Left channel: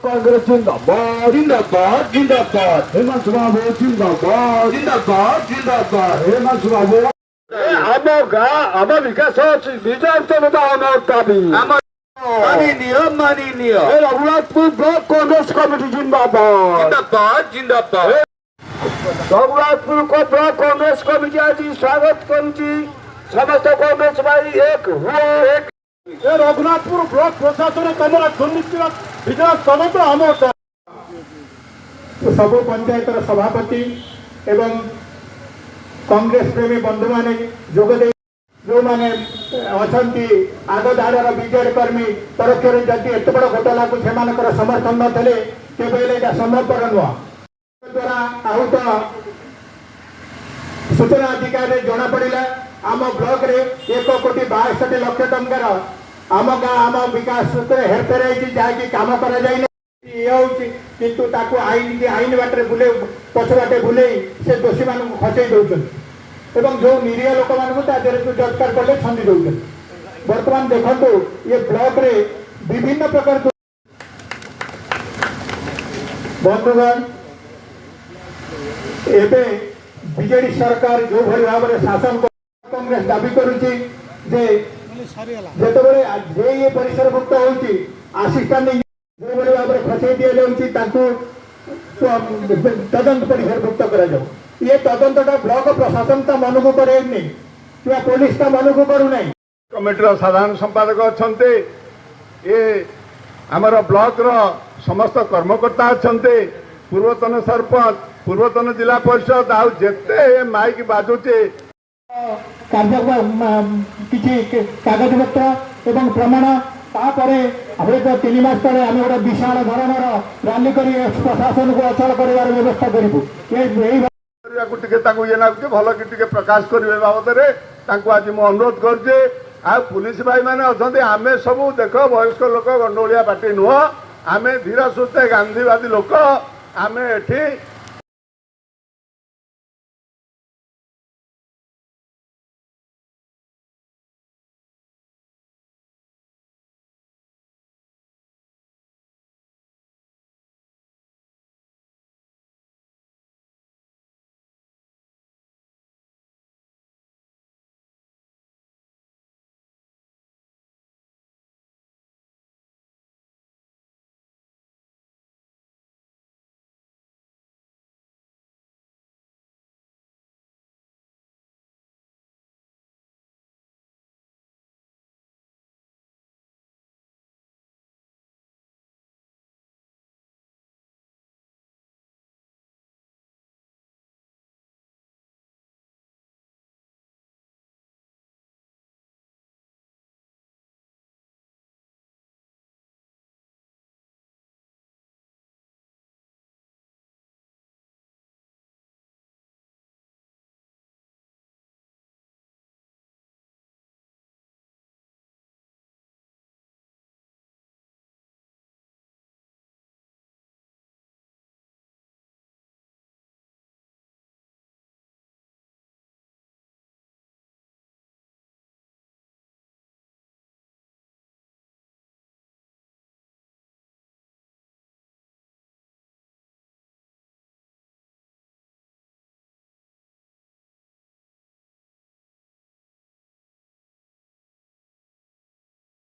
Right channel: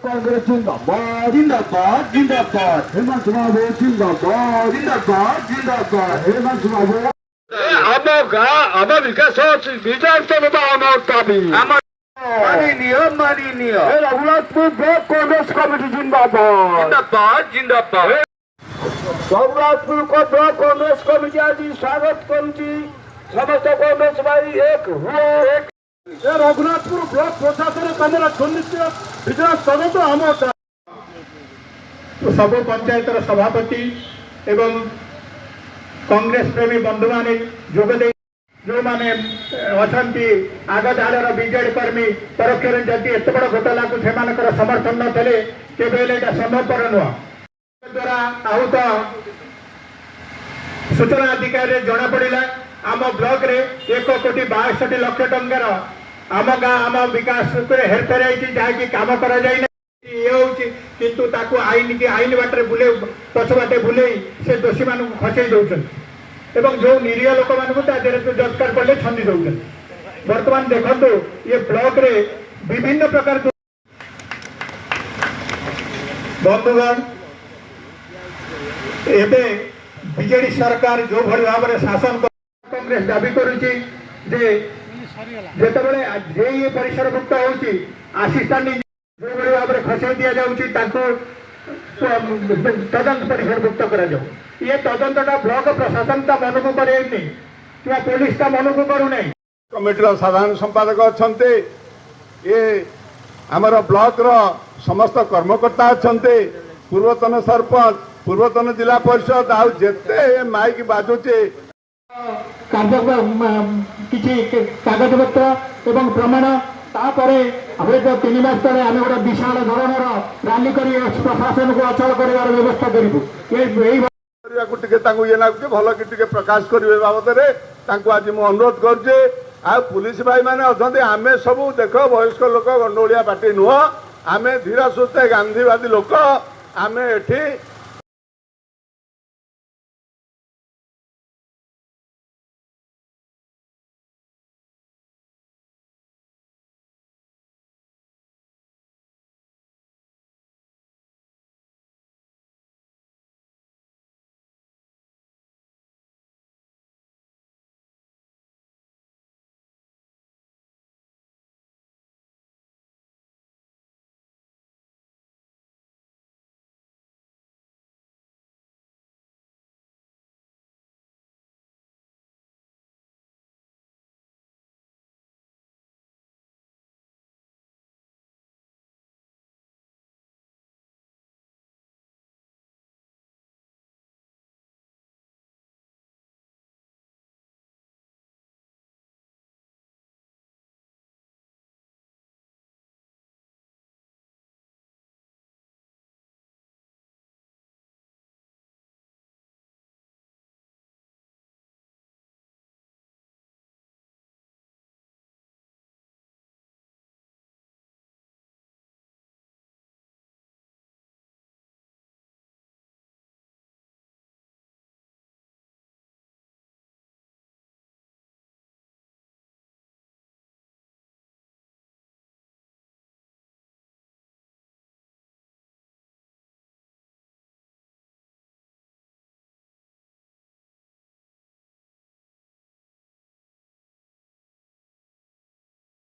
कांग्रेस जिंदाबाद जिंदाबाद जिंदाबाद हेमंत बाबू जिंदाबाद जिंदाबाद जिंदाबाद हेमंत बाबू आम विकास विधानसभा आम दाबी माननीय रघुनाथपुर ब्लॉक कांग्रेस कमिटी जिंदाबाद जिंदाबाद जिंदाबाद रघुनाथपुर को ब्लॉक कांग्रेस कमिटी आज स्वागत करुची समस्त कांग्रेस भाई एक हुए एक रघुनाथपुर ब्लॉक प्रशासन कमर दुर्नीति विचार तदंत आम सब पंचायत सभापति एवं कांग्रेस प्रेमी बंधु माने जोगदे जो माने अछंती आग धाड़र बीजेडी कर्मी तरफ जदि एत बड़ घोटाला को से समर्थन नथिले केबेले एटा संभवपर नुह द्वारा आहूत सूचना अधिकारी जना पड़ा आम ब्लॉक रे 1,62,00,000 टंकार आम गाँ आम विकास हेरफेर होती जहाँकि कम कर किंतु ताकू आईन बाटे बुले पछ बाटे बुले से दोषी मान खसई दौरान एवं जो निरीह लोक मानू जत्कार कले छंदी दौरान बर्तमान देखो ये ब्लॉक रे विभिन्न प्रकार बंधुगण एबे बीजेडी सरकार जो भली भाव में शासन कांग्रेस दाबी करुची जे जेतबेले जे ये परिसरभुक्त होची आसिस्टेंट जो भली भाव में खसई दिया जाउची ताको तदंत परिसरभुक्त करा जाऊ ये तदंतटा ब्लॉक प्रशासन ता मन को करे नहीं कि पुलिस ता मन को करू नहीं कमिटीर साधारण संपादक अच्छा ये आमर ब्लॉक रो समस्त कर्मकर्ता अच्छा पूर्वतन सरपंच पूर्वतन जिला परिषद आते माइक बाजुचे किसी कागज पत्र एवं प्रमाण तापर जो 3 मास तले आम गोटे विशाल धरणर रैली कर प्रशासन को अचल कर व्यवस्था करूँ ये ना भल कि प्रकाश करेंगे बाबद आज मुझे अनुरोध करुचे आ पुलिस भाई मैंने अच्छा आम सब देख वयस्क लोक गंडोलिया पार्टी नुह आम धीर सुस्थ गांधीवादी लोक आम एठी